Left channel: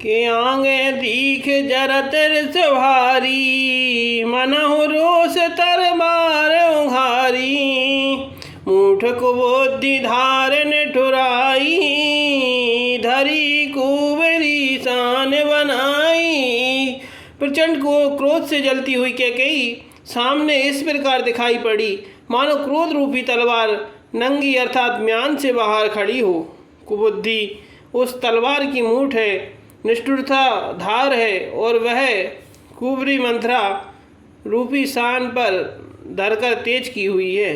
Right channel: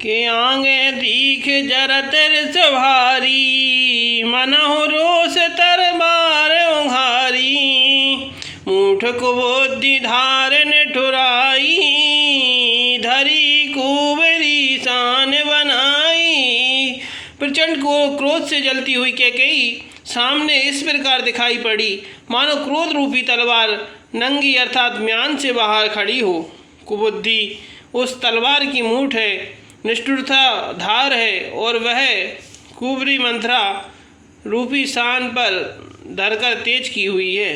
के आगे दीख जरत रिस भारी, मनहु रोष तरबार उघारी। मूठ कुबुद्धि धार निठुराई, धरी कुबेरी शान बनाई। प्रचंड को क्रोध से जलती हुई कैकेयी सामने इस प्रकार दिखाई पड़ी मानो क्रोध रूपी तलवार नंगी अर्थात म्यान से बाहर खड़ी हो। कुबुद्धि उस तलवार की मूठ है, निष्ठुरता धार है और वह कुबरी मंथरा रूपी शान पर धरकर तेज की हुई है।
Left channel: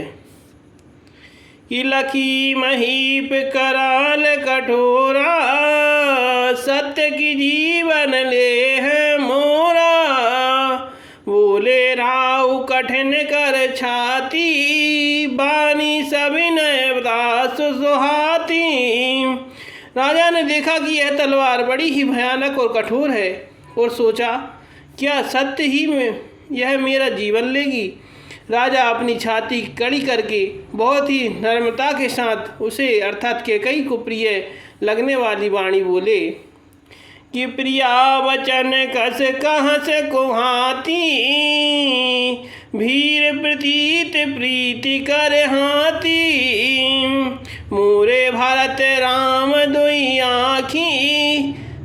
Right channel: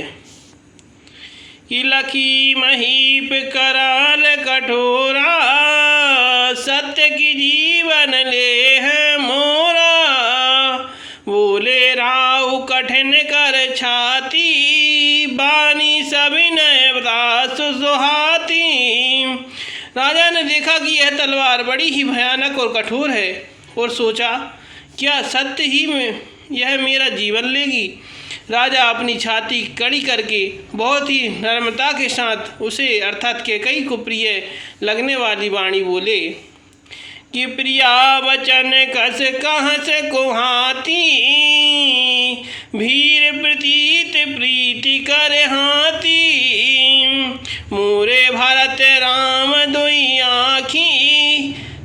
कि लखी महीप कराल कठोरा, सत्य की जीवन ले है मोरा। बोले राव कठिन कर छाती, बानी सविनय दास सुहाती। राजा ने देखा कि यह तलवार बड़ी ही भयानक और कठोर है और सोचा क्या सत्य ही में यह मेरा जीवन लेगी। राजा अपनी छाती कड़ी करके बहुत ही नम्रता के साथ उसे अर्थात कैकेयी को प्रिय लगने वाली वाणी बोले कि प्रिया वचन कस कहस कुहाती, भीर प्रतीत प्रीति कर हाथी। मोरे भरत राम दुई आँखी,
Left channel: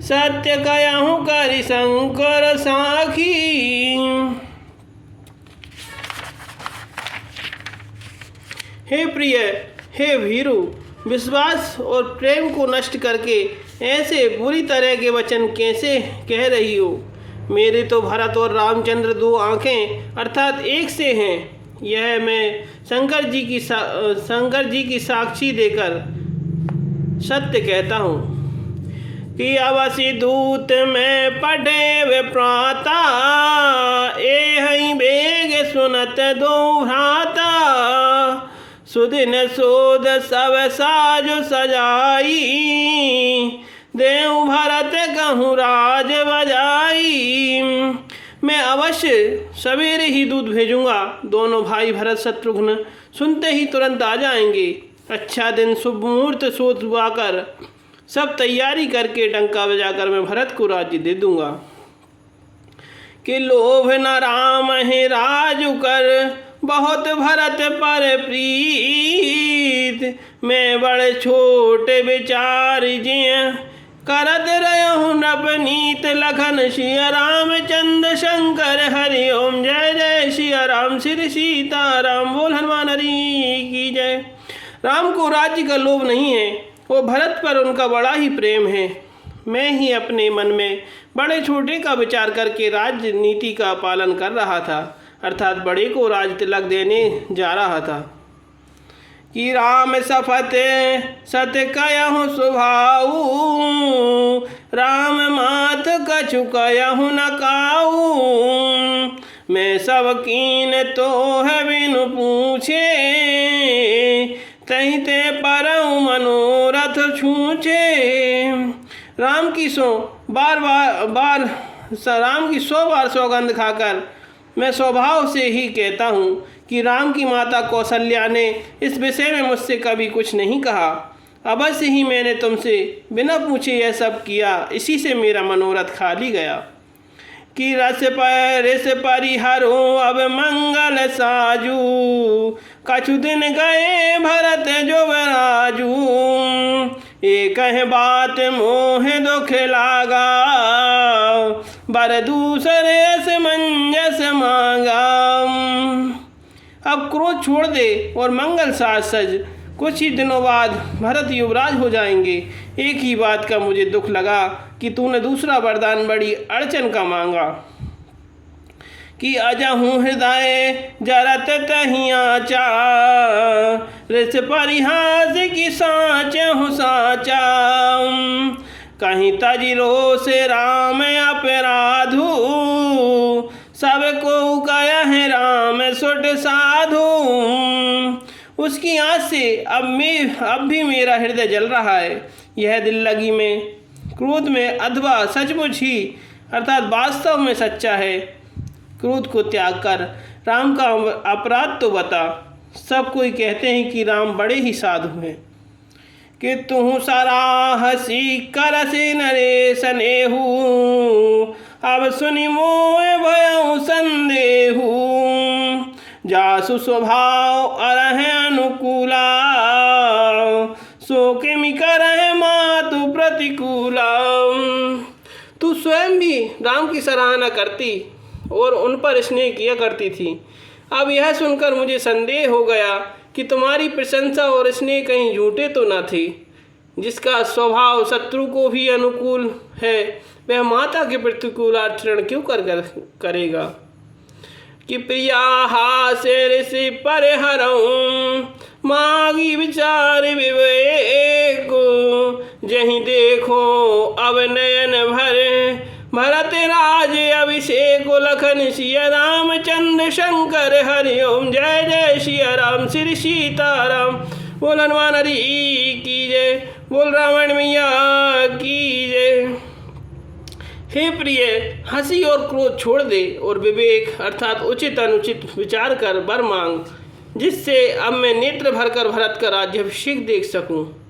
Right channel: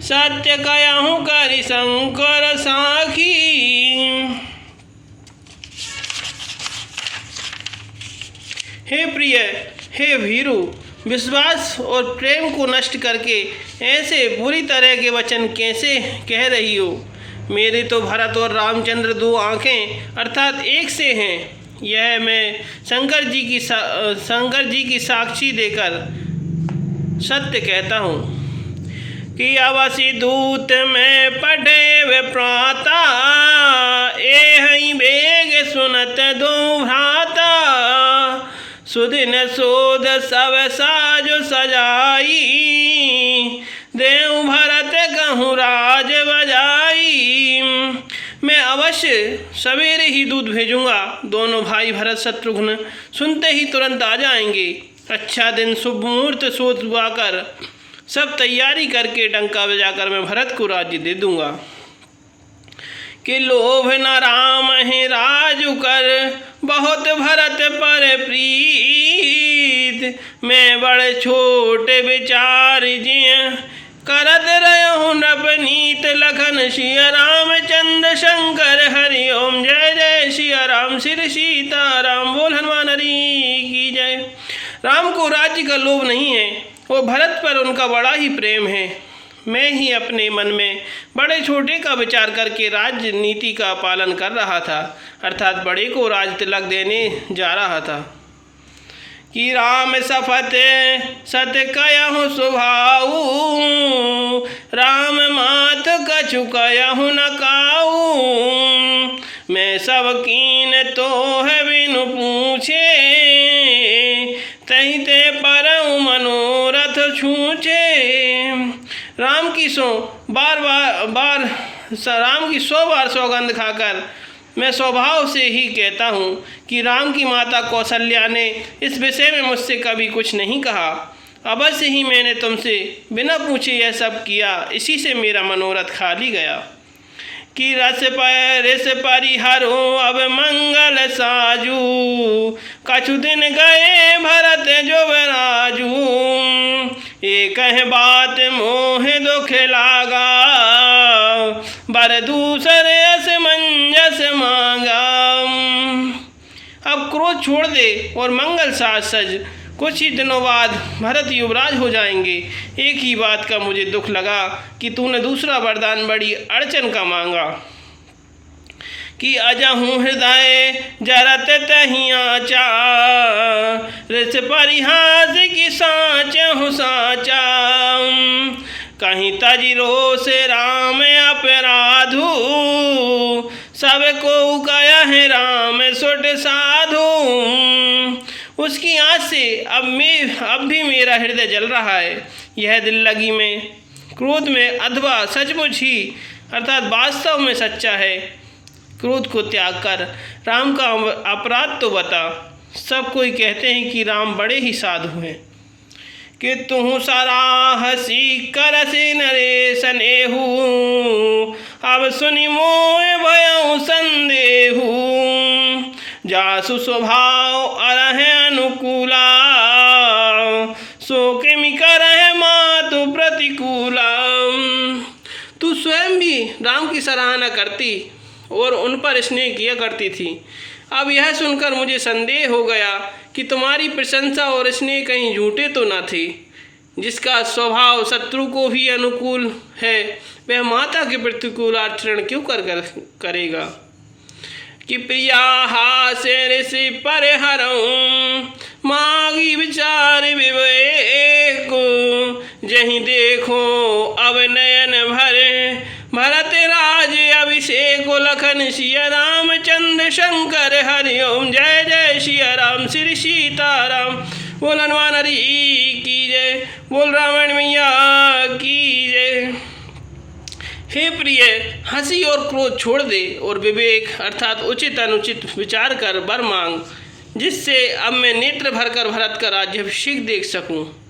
सत्य कहूँ करि शंकर साखी। हे प्रिय, हे वीरू, विश्वास और प्रेम को नष्ट करके ऐसे बुरी तरह के वचन कैसे कह रही हो। मेरे तो भरत और रामचंद्र दो आँखें अर्थात एक से हैं। यह मैं शंकर जी की साक्षी देकर सत्य कहता हूँ कि अवश्य दूत में पढ़े वे प्राता, एहि बेग सुनत दो भ्राता। सुदिन सोध सब साजु सजाई, देव भरत कहूँ राज बजाई। मैं अवश्य सवेरे ही दूध भेजूंगा। दोनों भाई भरत शत्रुघ्न सुनते ही तुरंत आ जाएंगे। अच्छा दिन शुभ मुहूर्त सोचवाकर सब तैयारी करके डंका बजाकर मैं भरत को राज्य दे दूंगा। कि लोभ न राम है राजु कर, बहुत भरत पर प्रीत। मैं बड़े छोटे विचार जिय, करत रहूँ नवनीत। लखन सिया रामचंद्र शंकर हरि ओम। जय जय सिया राम श्री सीताराम। बोल हनुमान हरि की जय। राम को राज्य का लोभ नहीं है, वो भरत पर उनका बड़ा ही प्रेम है। मैं ही अपने मन में बड़े छोटे का विचार करके राजनीति का पालन कर रहा था, अर्थात बड़े को राज तिलक देने जा रहा था। कि राम सफत सत कहूँ सुभाऊ, राम मात कछु कहूँ न काऊ। मैं सब कीन तो है बिनु पूछे, तही ते परऊ मनोरथ छूछे। राम की 100 बार सौगंध खाकर मैं स्वभाव से ही कहता हूँ कि राम की माता कौशल्या ने इस विषय में मुझसे कभी कुछ नहीं कहा। अवश्य ही मैंने तुमसे बिना पूछे यह सब किया, इसी से मेरा मनोरथ खाली गया। कि रस परिहरो अब मंगल साजू, कछु दिन गए भरत जो राजू। एक बात मोह दुख लागा, बर दूसरे मंजस मांगा। अब क्रोध छोड़ दे और मंगल साज सज। कुछ ही दिनों बाद भरत युवराज हो जाएंगे। एक ही बात का मुझे दुख लगा कि तूने दूसरा वरदान बड़ी अड़चन का मांगा। कि अजहूँ हृदय जरत तहिया रिस परिहास की साचहु साचा। कहीं तजिरो से राम अपराधु, सबको कया है राम सुट साधु। उसकी आँच से अब भी मेरा हृदय जल रहा है। यह दिल लगी में क्रोध में अथवा सचमुच ही अर्थात वास्तव में सच्चा है। क्रोध को त्याग कर राम का अपराध तो बता। सब कोई कहते हैं कि राम बड़े ही साधु हैं। कि तू सारा हसी करसी नरेश नेहू, अब सुनि मोय भयउ संदेहू, जासु स्वभाव अरहे अनुकूला, सो किमि करहे मातु प्रतिकूला। तू स्वयं भी राम की सराहना करती और उन पर स्नेह किया करती थी। अब यह सुनकर मुझे संदेह हो गया कि तुम्हारी प्रशंसा और स्नेह कहीं झूठे तो न थे। जिसका स्वभाव शत्रु को भी अनुकूल है, वह माता के प्रतिकूल आचरण क्यों करेगा। कि प्रिया हासे ऋषि परिहरऊं, मागी विचार विवेक, जहीं देखो अब नयन भरे, भरत राज अभिषेक, लखन सिया रामचंद्र शंकर हरि ओम। जय जय सिया राम श्री सीताराम। बोल हनुमान हरि की जय, बोल रावण मैया की जय। हे प्रिय, हंसी और क्रोध छोड़ दे और विवेक अर्थात उचित अनुचित विचार कर वर मांग, जिससे अब मैं नेत्र भरकर भरत का राज्याभिषेक देख सकूं।